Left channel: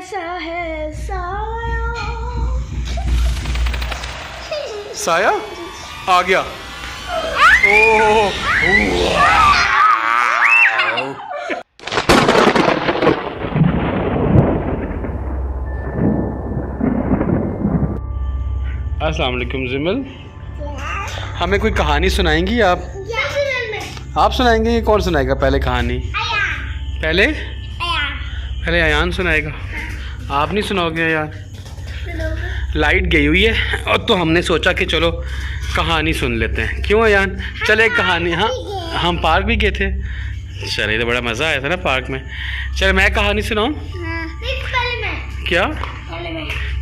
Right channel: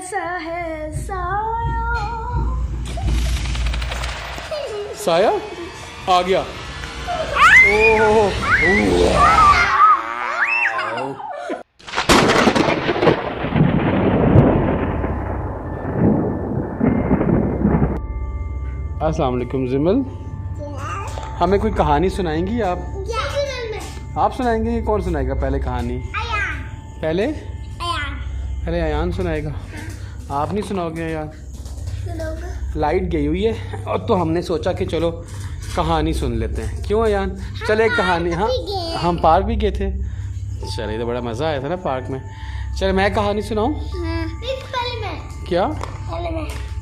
कैसा है साया? साया आ गया। ओह अस्सलाम वालेकुम जिमल, हमें कोई कहानी सुनाएंगी आप? आप सुनाएंगे कि कौन सुनाएगा पहले कहानी? पहले अयान सुनाएगा। आप नहीं सुनाओगे अयान? लाइट गई हुई है और तो हमने सोचा कि चलो कहानी सुन लेते हैं। क्यों अयान? चले एक कहानी। हाँ, हम पार्क भी गए थे। चले तो बड़ा मज़ा आया था ना पार्क में। चलो मैं कहानी सुनाऊँ? क्या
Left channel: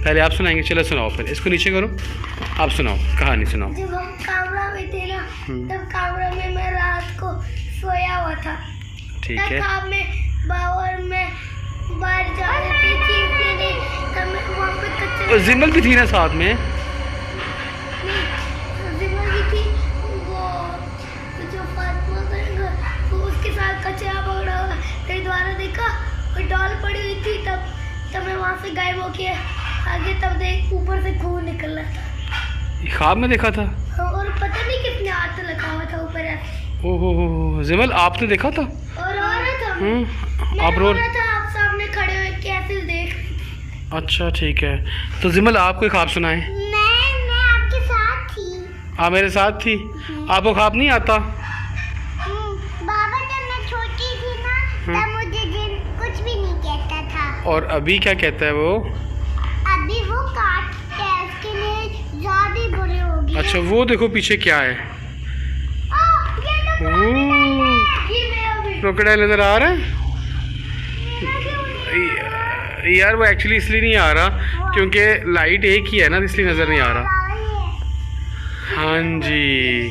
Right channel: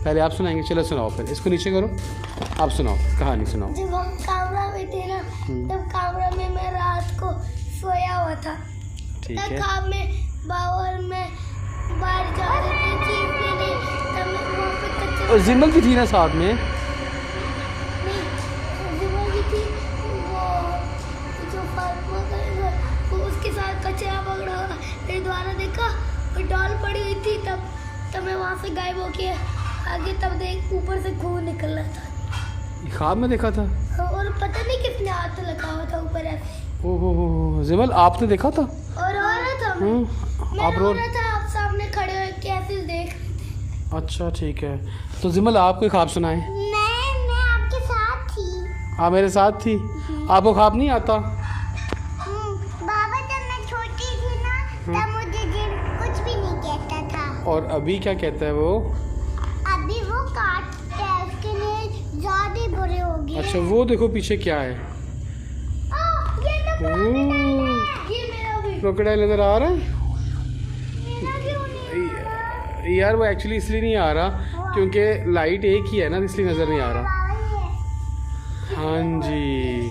पहले आप सुनाएंगे? चलो सुनाओ, फिर इसको नीचे करो, आप सुनाओ, कहानी सुनाओ। जब हम कामरा में थे ना, तब कामरा में मैं रात को सोया हुआ था। ठीक है। तब में बावर में बाहर जा रही थी चीज के लिए, तब मैं वहाँ पे कचरा। और जिमल भी थी ना साथ में? जिमल भी थी, वो जो फातिमा करेगा वो उसके साथ कचरा पकड़ा हुआ। फिर दोबारा देखा और डॉल पड़ी हुई थी, तब मैं वहाँ से गायब होके आगे तब देख ऊपर से खून निकल रहा था। ख्वाब में देखा था? और पता नहीं कितने हाथ लगा हुआ था ऊपर ऐसे। ओहो जिमल, आपने देखा था? और रो रहा था मैं आप रो रहा था, आप सामने खड़े हुए कैसे देख। अच्छा ठीक है, तो जिमल आप कोई ख्वाब सुनाए। मैं आपके साथ थी। हाँ मेरे साथ थी। आपको ख्वाब नहीं आता? बाबा जब मैं छोटी थी ना, तब मुझे जिन कुछ भी नहीं कहता था। और अभी क्या कहता है वो? अभी वो काटता है, उसके लिए ज्यादा बुरे हो गए। अच्छा वो देखो पीछे क्या है। क्रोकोडाइल नजर आ रहा है यार? वो एक्चुअली इसलिए नहीं आ रहा क्योंकि लाइट एक ही है ना, इसलिए नजर नहीं आ रहा। हाँ जी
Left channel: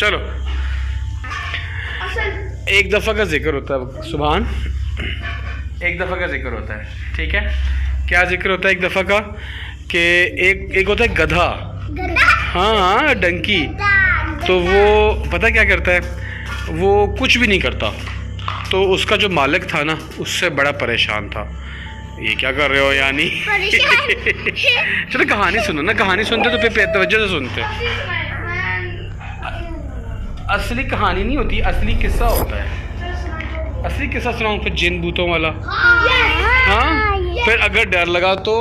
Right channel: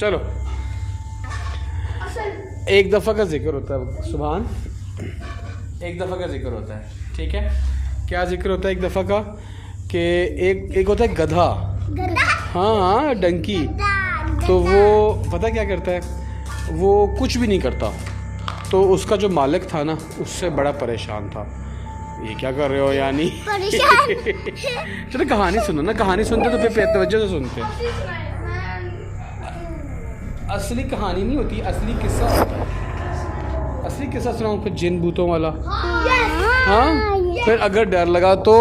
चलो, एक दफ़ा का जिक्र होता है सुभान, एक दफ़ा का जिक्र होता है। ठीक है, क्या जिक्र होता है एक दफ़ा का? कि एक होता है गधा। हाँ डंकी। तो वो पता क्या करता है? वो कुछ भी नहीं करता। तो उसका जो मालिक था ना, उससे बड़ा परेशान था। ये क्या कर रहे हो यानी? चलो कहानी सुनो ना, कहानी सुनते तो फिर तवज्जो से सुनते। असली कहानी नहीं होती, असली किस्सा होता है। असली किस्सा सुनाऊं फिर जिन भूतों वाला? हाँ फिर अगर डर लगा तो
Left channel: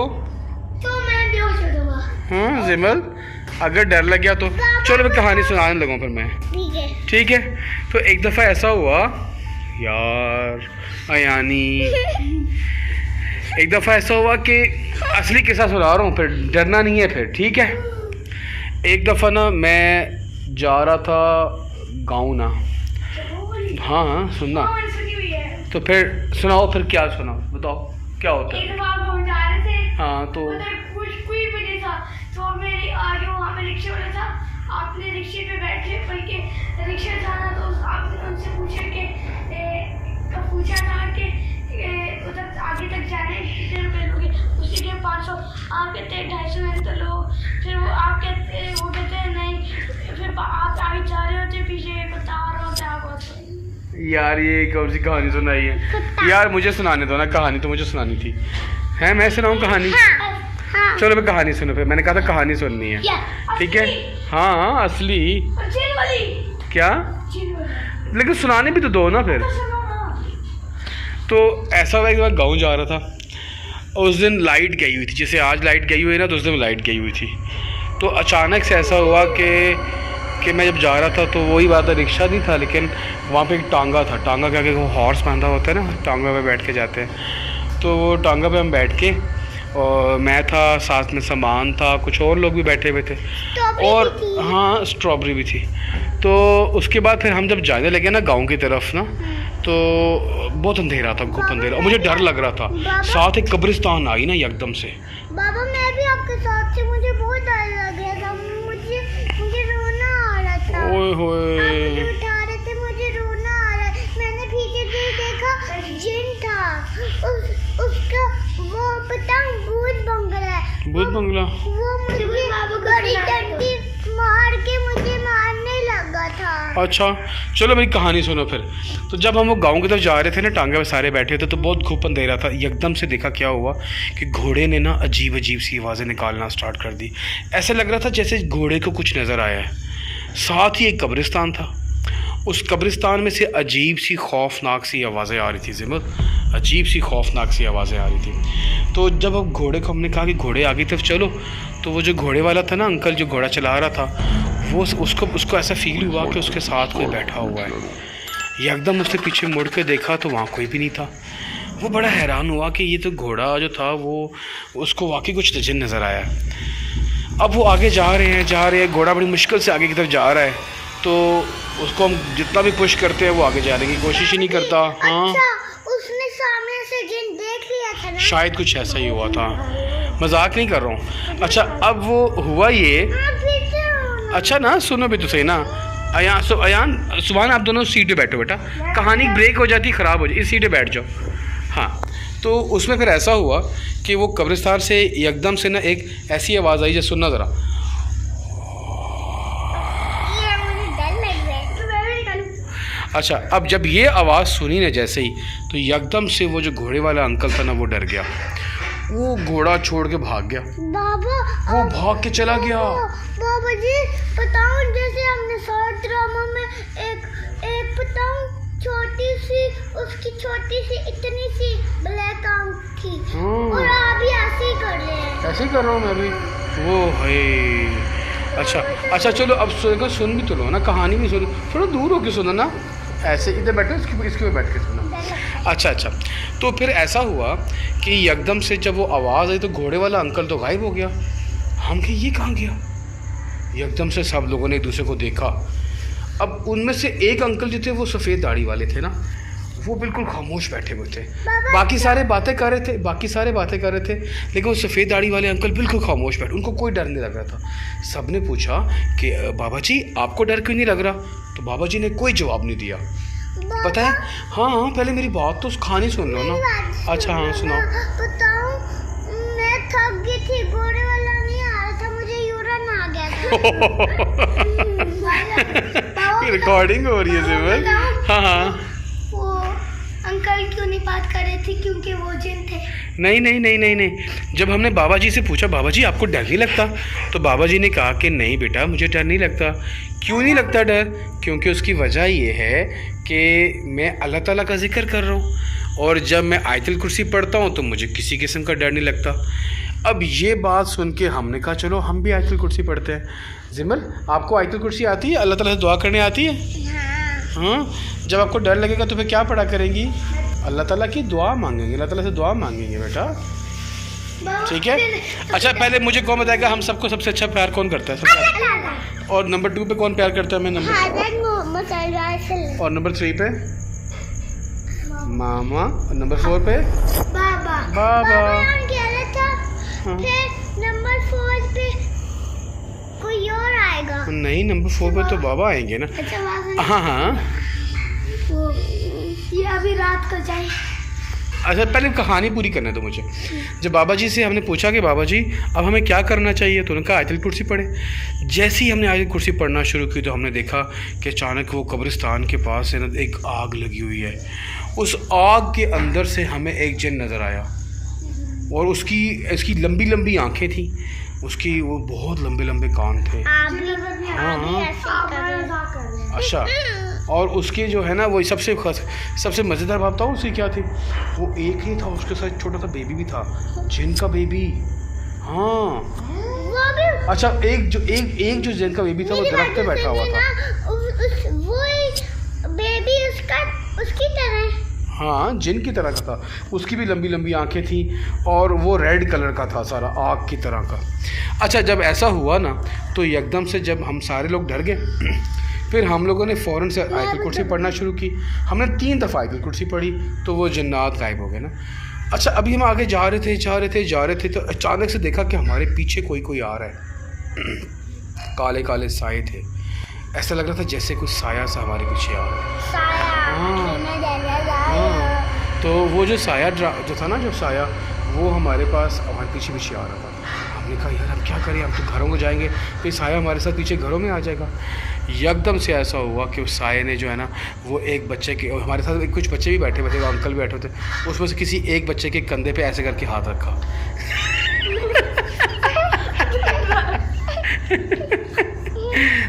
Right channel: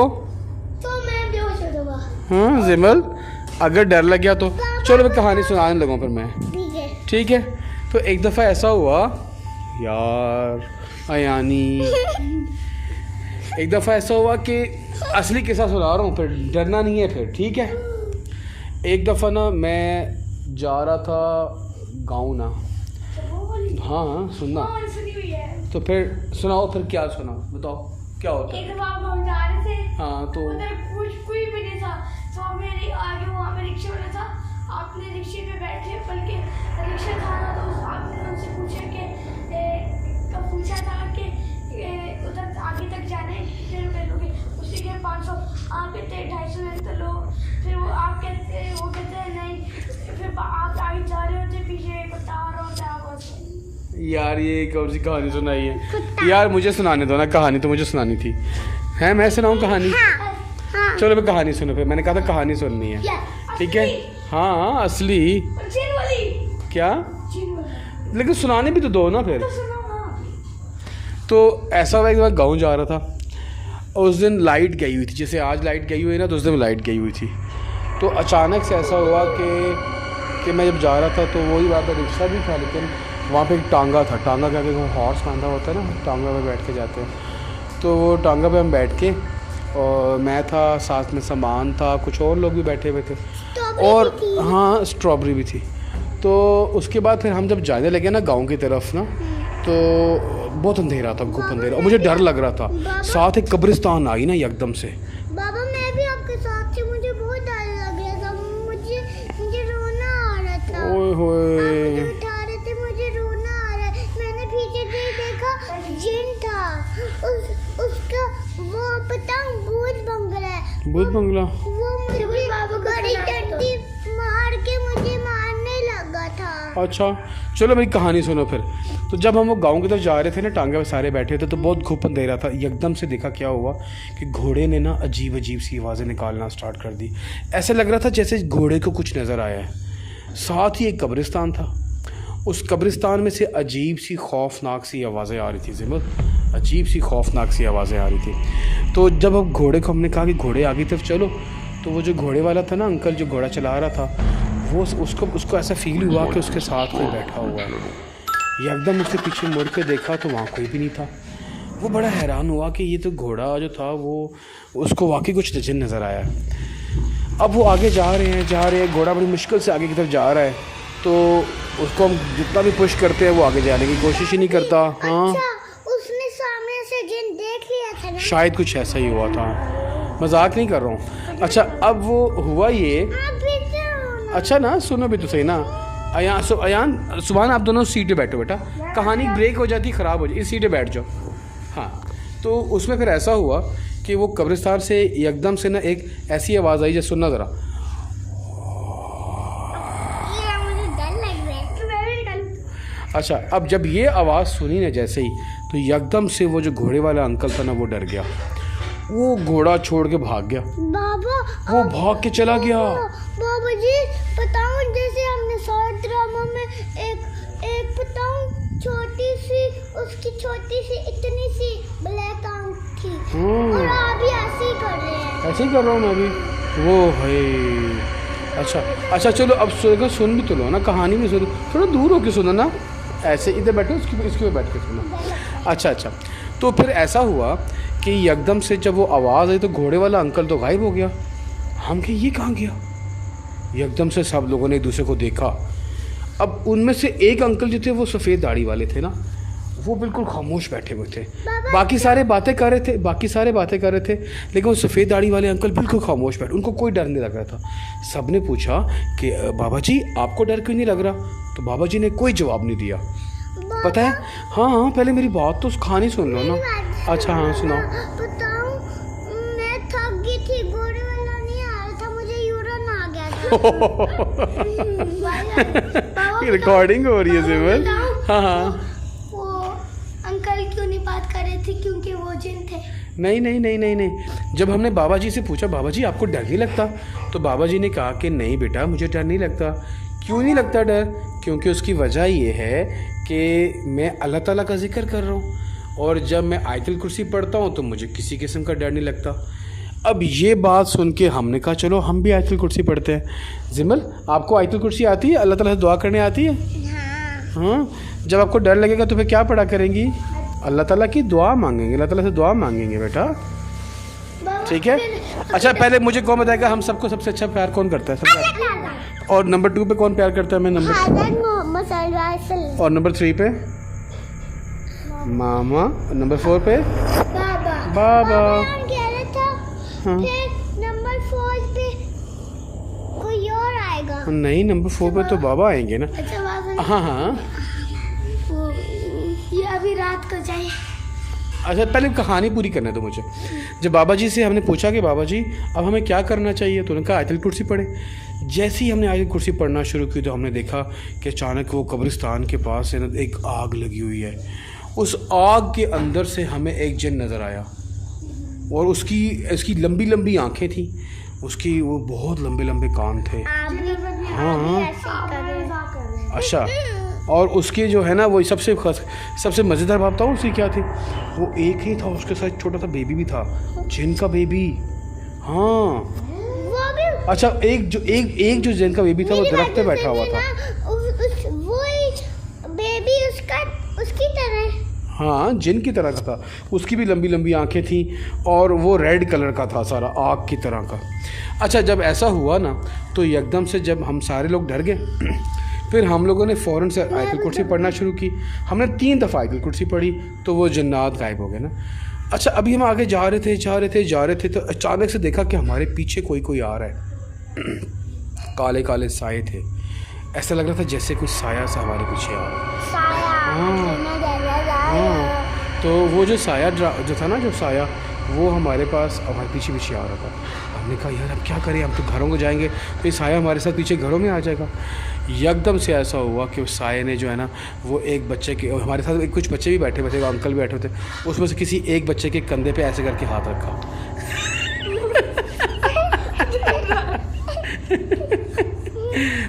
मैं बेहोश हो जाऊंगा। जिमल अगर डर लग गया तो चलो मैं कहानी सुनाने लगूँ फिर मैं। ठीक है। तो एक दफ़ा ऐसा हुआ यार अयानी, एक दफ़ा ऐसा हुआ कि असली किस्सा सुना रहा हूँ, फिर डरना नहीं है फिर। ठीक है। एक दफ़ा ना मैं जा रहा था गाँव ना। हाँ सुनना तो फिर सुनाओ, फिर क्या सुनाओ बताओ क्या होता है? हाँ तो कोई भी नहीं था, तो मेरे आगे वहाँ पे रिक्शा वाला था। आपने रिक्शे पे बैठे, बल्कि रिक्शा था ना, तो आपने उनसे पूछा कि उधर आगे तक जाने कितने रुपए लोगे? उसके लिए 500। आप कहते हैं 250 में तो लो। फिर वो कहते हैं नहीं। फिर आप आगे जा रहे होते, पीछे एक कुत्ता आ रहा होता है आपको। यार ये कौन सी कहानी सुनाई है यार? मुझे सुनाने दो ना, कहानी तो मुझे सुनानी थी। है मैं सुनाऊँ कहानी? हाँ। चलो मैं कहानी सुनो, फिर मैंने कहा था कहानी सुननी है। ठीक है। हाँ असली क्या? लेकिन सुनाने भी तो दो ना फिर। तो ऐसा हुआ कि मैं गाँव जा रहा था। उस दिन लाइट गई हुई थी, जैसे आज लाइट गई हुई है ना, तो उस दिन लाइट गई हुई थी। तो अचानक से ऐसा हुआ कि मैं जब जा रहा था तो वही बात है, रिक्शा नहीं था लेकिन वहाँ पे एक टांगा था। टांगा क्या, वो हॉर्स बांधा होता है ना, टांगा पे बैठ के जाते हैं। तो वो टांगा पे हम बैठ के, और मैं था, साथ में सामान था, कुछ और लोग भी बैठे हुए थे, और हाँ स्ट्रॉबेरी भी थी। तो उसके बाद फिर हम जब जाने लगे ना गांव की तरफ ना, तो बहुत अंधेरा था, घुप अंधेरा, और मुझे डर लग रहा था। साथ एक कब्रिस्तान आई ना एकदम से। बाबा मैं भी आपके साथ थी, मुझे बहुत डर लग रहा था, मुझे रोना आ रहा था। ओए होए उठा रहे थे, मुझे रोना आ रहा है। मैंने पीछे से देखा, जिन था, उसका वो पतंग भूत बंगला है। भूत बंगला? वो मुझे बड़ी डंडी मार के मुझे मारने लगा था। अच्छा चलो मेरी कहानी सुनो फिर। तो जब हम वो गांव की तरफ जा रहे थे ना, टांगे पे सारे बैठे थे, तो बहुत घुप अंधेरा था। एकदम से देखा क्या हुआ कि घोड़े ने ना अजीब अजीब सी आवाज़ें निकालना स्टार्ट कर दी। ऐसा लग रहा था जैसे घोड़े को कुछ नज़र आया है। साथ ही एक कब्रिस्तान था, उस कब्रिस्तान में से अजीब सी खौफनाक सी आवाज़ें आ रही थी। जिमल, अजीब सी खौफनाक सी आवाज़ें आ रही थी। तो जब अब घोड़े को हमने कहा कि घोड़े आगे तरफ चलो, तो वो जो घोड़े वाला था ना अंकल, जो घोड़ा चला रहा था, वो उसको ऐसा फील हुआ कि उसके साथ कोई बैठा हुआ है। एकदम उसने पीछे मुड़ के देखा तो वहाँ कोई भी नहीं था। वो बड़ा हैरान हुआ कि ये तो घोड़ा जो था वो उसको वाकई कुछ नज़र आया। अब वो आगे जा रहे हैं, घोड़ा बड़ी मुश्किल से आगे की तरफ जा रहा है। तो उसको हम जितना भी पुश करते हैं वो आगे जाने की कोशिश ही नहीं करता। हाँ, उसने सामने से जिन देख लिया था ना? शायद कुछ ऐसा ही हुआ था, मजाक नहीं कर रहा हूँ। अच्छा अब वो हुआ ये, अच्छा ना सुनो भी तो सही ना। अयान सुभान, आप दोनों सीट पे बैठो बेटा, कहानी ब्रेक हो जाती, ख़राब हो जाती, इस सीट पे बैठ जाओ। हाँ, तो उसमें फिर ऐसा हुआ कि वो कब्रिस्तान से एकदम से ना एक ऐसी आवाज़ आई, जो सुनना ज़रा। अच्छा अब जब ये आवाज़ सुनी ना जैसे ही, तो एकदम से वो जो घोड़े वाला अंकल था ना वो डर गया। वो घोड़ा छोड़ के भाग गया। बाबा, वो भाग के चला गया। बाबा जी बताओ, जैसे हमने सारे ड्रामा में एक बताऊं, छोटी सी, उसकी छोटी सी इतनी सी ब्लैक आंख थी, और आप भी ऐसे ही कर रहे हैं। ऐसे ही कर रहा हूँ मैं भी। वो है अच्छा चलो अब सुन भी तो लो ना, कहानी भी सुनो, थोड़ा दूर होके सुनो ना, ऐसे इधर बैठो, इसके पे बैठ के सुनो। अच्छा तो फिर ऐसा हुआ कि एकदम से जब वो आवाज़ आई तो घोड़े वाला अंकल तो गायब हो गया। हम कहे ये कहाँ गया? एकदम से सब लोगों ने एक दूसरे को देखा। अब उनमें से एक अंकल जो थे वो सफ़ेद दाढ़ी वाले थे ना, वो बिल्कुल खामोश बैठे हुए थे। बाकी सारे बातें कर रहे थे, लेकिन वो सफ़ेद दाढ़ी वाले अंकल बिल्कुल खामोश बैठे, उनको कोई डर नहीं लग रहा था। सब ने पूछा कि बाबा जी आपको डर क्यों नहीं लग रहा? तो बाबा जी ने कोई जवाब नहीं दिया। पता है, हाँ पहले मेरी बात तो कहानी सुन लो ना। अच्छा हाँ सुनाओ। बताओ, मैं थक गई थी, घोड़े वाला नहीं आ रहा था, मुझे यूरिन आ गया था। रिकॉर्डिंग हो रही है जिमल। हाँ वो अंकल क्यों नहीं बात कर रहे थे? क्योंकि वो जिन थे। नहीं। जब हमने बाबा जी से पूछा, बाबा जी आपको डर नहीं लगता? तो बाबा जी ने कहा कि नहीं बेटा, मुझे डर नहीं लगता। क्यों नहीं लगता डर? क्योंकि उसकी वजह ये है कि मैं अल्लाह ताला का जिक्र कर रहा हूँ, और जब मैं आयतुल कुर्सी पढ़ता हूँ तो मुझे किसी किस्म का डर नहीं लगता। अब ये बात सुन के हमने कहा चलो हम भी आयतुल कुर्सी पढ़ते हैं। जिमल, आपको आयतुल कुर्सी आती है? अल्लाह ताला से दुआ करने आती है? हाँ। जब आपको डर लगेगा तो फिर क्या पढ़ा करेंगी? अल्लाह ताला की दुआ मांगेंगे, अल्लाह ताला से दुआ मांगेंगे बेटा, ठीक है। अच्छा पहले मुझे कौन बताएगा हम सबको सबसे अच्छा प्यार कौन करता है? सबसे। और नंबर 2 पे कौन प्यार करता है? मैं नंबर। और नंबर 3 पे मामा, नंबर 4 पे बाबा। फिर नंबर 4 पे कोई और आएगा? नहीं, नंबर 4 पे तो बाबा आएंगे ना। अच्छा हाँ ये अभी रात को जाए। अच्छा पहले कहानी पूरी करने दो मुझे। जब बाबा जी से हमने पूछा कि बाबा जी अब हमें क्या करना चाहिए, तो उन्होंने कहा आयतुल कुर्सी पढ़े। जैसे ही हमने आयतुल कुर्सी पढ़ना शुरू की तो हमने देखा कि अचानक वो कब्रिस्तान के पास है ना एक आग लगी हुई है। उस आग के अंदर से हमें एक जिन नज़र आया, और इसकी लंबी लंबी आँखें थी, उसकी वो बहुत लंबे लंबे कान थे। अच्छा, और उसके जो है ना वो सबसे मज़ेदार बात था उसकी क्या थी, वो एक ही था, उसके साथ छोटा सा बेबी भी था, जिन का बेबी। हाँ अच्छा, एक जो जिन का बेबी था वो दरख्त पे बैठा हुआ था। वो बेबी उसकी तरह, हाँ जिन की तरह का था, उसकी भी लंबी लंबी आंखें थी, और वो रेड कलर का था सारा, आग की तरह का। अच्छा जब ऐसा हुआ ना तो एकदम से जब हम सारे लोग डर गए, फिर हम लोगों ने फ़ौरन से आयतुल कुर्सी पढ़ना शुरू की। हमने 3 दफ़ा आयतुल कुर्सी पढ़ी तो वो जन्नात गायब हो गए ना। अच्छा अभी हम आगे जा रहे थे तो अचानक से देखा कि हमारे पीछे कोई आ रहा है। काले काले साए थे, ऐसा लग रहा था जैसे कुछ साया सा हमारे पीछे आ रहा है। हाँ तो वो जो साया जो था ना, जो साया वो हमारे पीछे आ रहा था। हमने कहा यार अब क्या करें, हम तो घरों को जाएंगे तो ये साया हमारे साथ पीछे घरों में आ जाएगा। एकदम से ऐसा हुआ कि उस साये ने जो है ना वो एक बच्चे के, हमारे साथ कुछ बच्चे भी बैठे थे, अंकल भी बैठे थे, उसमें से किसी एक बच्चे के कंधे पे ऐसे करके हाथ रखा।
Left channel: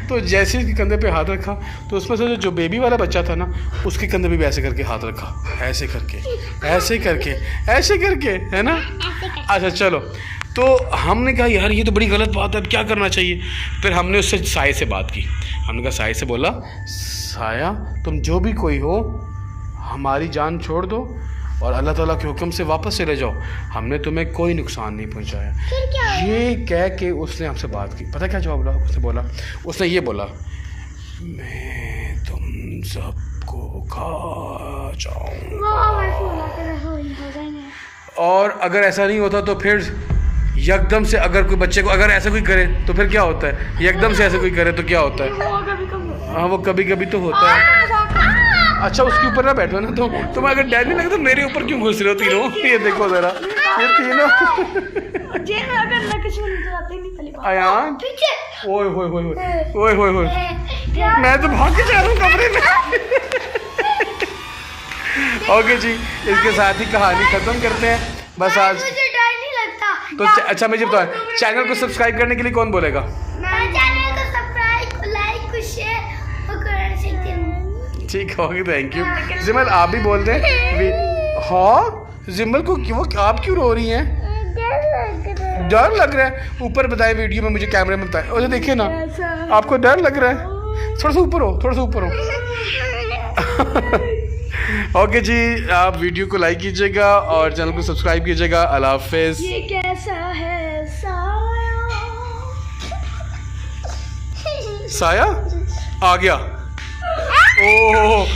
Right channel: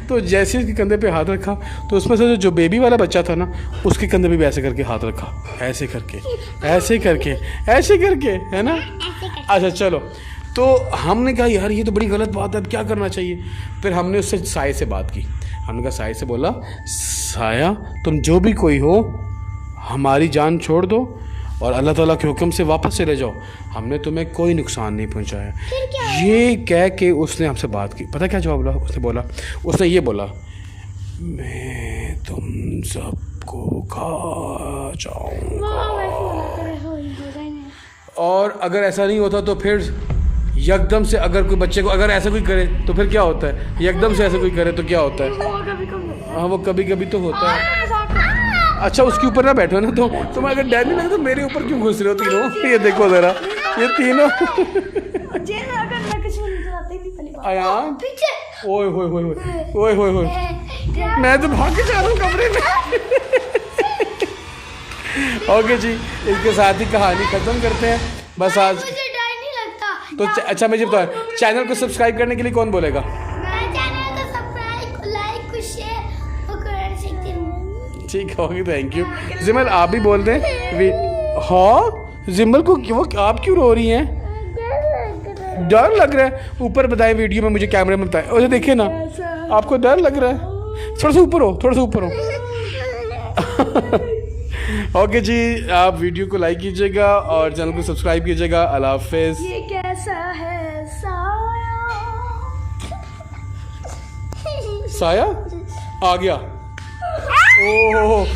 तो जैसे उसके कंधे पे हाथ रखा तो उसमें से जो बेबी वाला बच्चा था ना उसके कंधे पे भी ऐसे करके हाथ रखा, ऐसे करके ऐसे करके ऐसे करके, है ना। अच्छा चलो, तो हमने कहा यार ये तो बड़ी गलत बात है, अब क्या करना चाहिए। फिर हमने उससे साये से बात की। हमने कहा साये से बोला, साया तुम जो भी कोई हो हमारी जान छोड़ दो और अल्लाह ताला के हुक्म से वापस चले जाओ, हमने तुम्हें कोई नुकसान नहीं पहुंचाया। ये कह के उसने हमसे बात की। पता क्या जवाब बोला उसने? बोला उसने ये बोला, मैं तुम सबको खा जाऊंगा। और अगर ऐसा नहीं होता तो फिर एकदम से अगर कोई बच्चे को अगर ऐसा कोई करे तो फिर क्या होता है? एकदम से ऐसे कोई करे तो क्या होता है? हाँ वो कभी कभी तो होता है। अच्छा उसके ऊपर ना बैठो ना, तो तुम अगर डर नहीं लगता तो मेरे ऊपर क्यों घुस रहे हो तीनों? ये देखो जरा, ये तीनों आयान, ओए होए होए ओए होए होए, मैं तो भाग के जा रहा हूँ कमरे में। ओके जी, इसके साथ ही कहानी खत्म करते हैं बस आज। मुझे डर नहीं लगता। तो अच्छा मुझे बताओ, चैनल को सब्सक्राइब करने के लिए कौन बोलेगा? मैं चैनल को सब्सक्राइब, लाइक, शेयर और कर सकती हूँ। ठीक है, ओके थैंक यू। जिमल आप भी बोल दें। हाँ जिमल को वो आप क्यों रो रही हैं? डर लग रहा है? ऊपर बताएं वीडियो में, मुझे कैमरे में बताएं। और देखिए ना, आपको डर लग रहा है? थोड़ा सा ऊपर हो, थोड़ा सा ऊपर हो। ओके जी, आप वीडियो को लाइक कीजिएगा और चैनल को सब्सक्राइब कीजिएगा। अल्लाह हाफिज़। ये कैसा है साया आ गया। ओह